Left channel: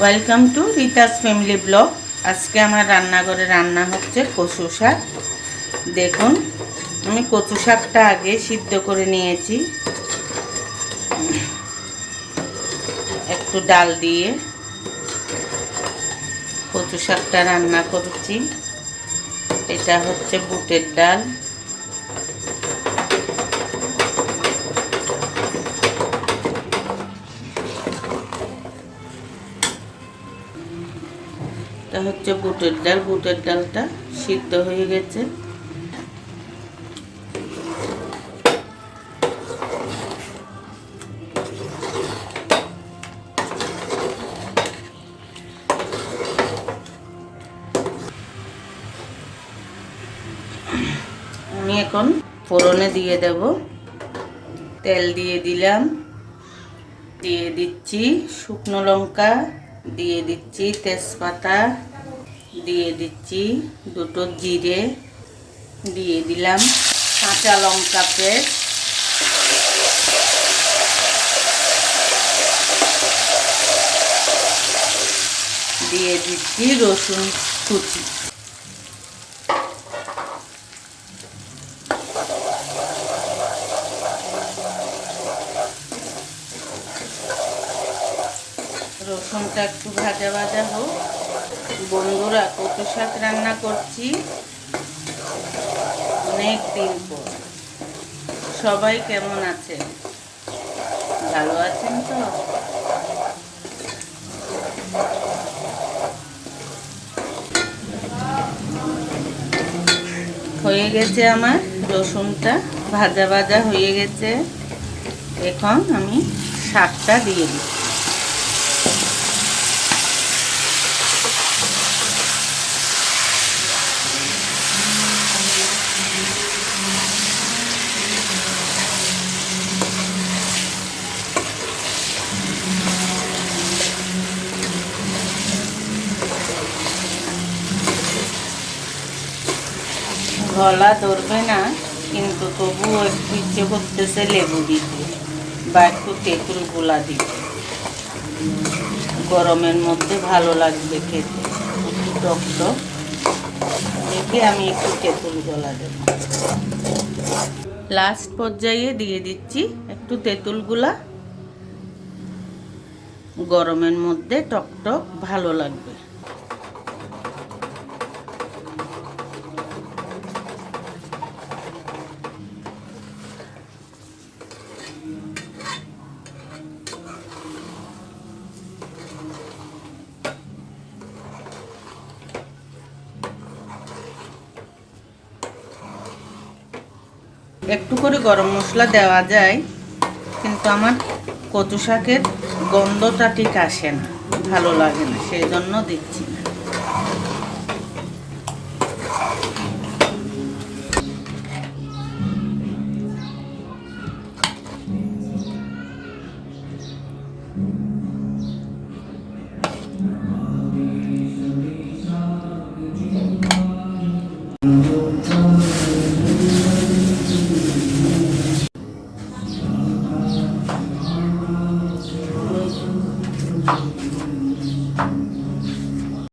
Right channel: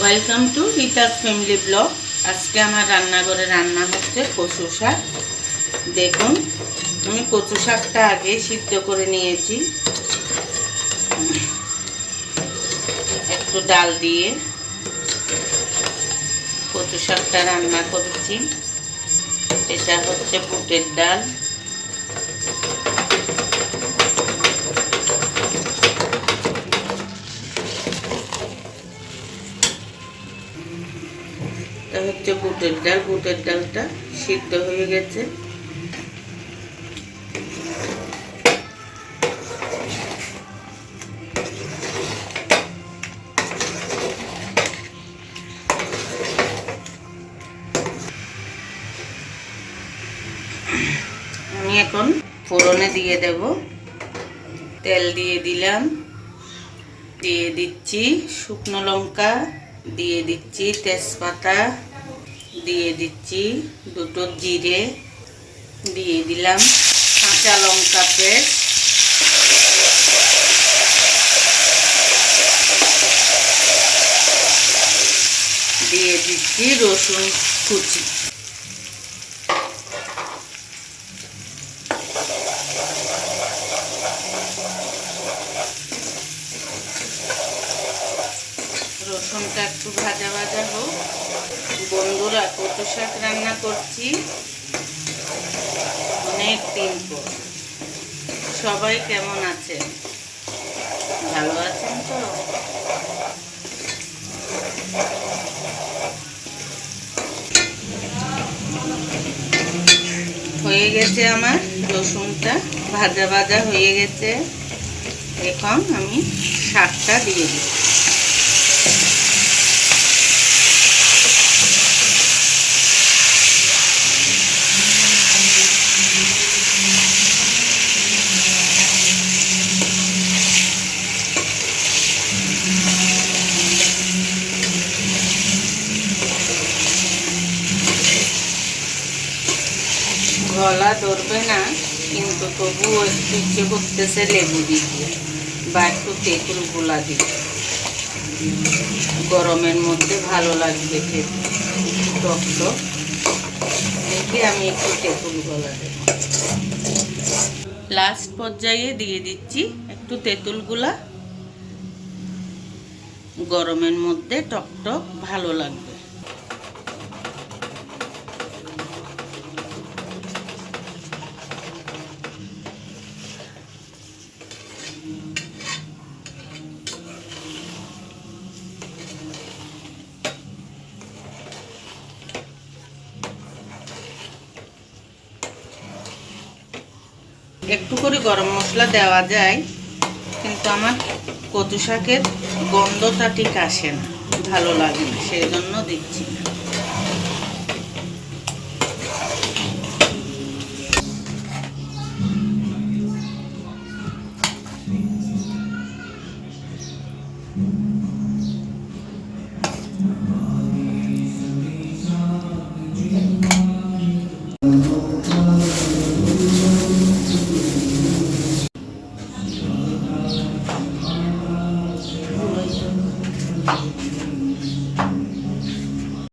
Welcome to Rita's family blog আজকে আমার রান্নাঘরে রান্না হচ্ছে কচু শাক। দেখুন, আমি কচু শাকটা আগে সিদ্ধ করে নিয়েছি। একটু ডাল দিয়ে কচু শাকটা রান্না করেছি। এটা হচ্ছে বুটের ডাল। হচ্ছে বুটের ডাল। বুটের ডালটা সিদ্ধ হয়ে গেছে। আমি এখন ফোড়নে দিয়ে দেব। তেল দিয়ে দিলাম। দিয়ে দিচ্ছি শুকনো লঙ্কা, দিয়ে দিচ্ছি তেজপাতা। দিয়ে দিচ্ছি দুটো জিরে দিয়ে দিলাম কাঁচা লঙ্কা দিয়ে দিচ্ছি রসুন কুচি। রসুনটা একটু ভাজা ভাজা হোক। বন্ধুরা কত শাক রান্না করছি। অনেক দিন পর। সবাই কেমন আছে ভালো আছেন তো? হয়ে গেছে আমার রসুনটা। ভাজা ভাজা হয়ে গেছে। এখন আমি শাকটা দিয়ে দিই গলা ধরবে না, কিন্তু তবুও একটু ইচ্ছে করতেছে লেবু দিতে, বা একটু তেঁতুল গোলা দিতে। গরমের মধ্যে ভালো লাগবে খেতে টক টক দেখে আমি একটু তেঁতুল গোলা দেব। লাস্ট পর্যায়ে দিয়ে দিচ্ছি একটু তেঁতুল গোলা। গরমের মধ্যে টক টক ভালো লাগবে। একটু করে গরম মশলা দেওয়া যায়, কিন্তু আমার কচু শাকের গন্ধটা ঠিক আসে না, ভালো লাগে না সেই জন্য দিচ্ছি।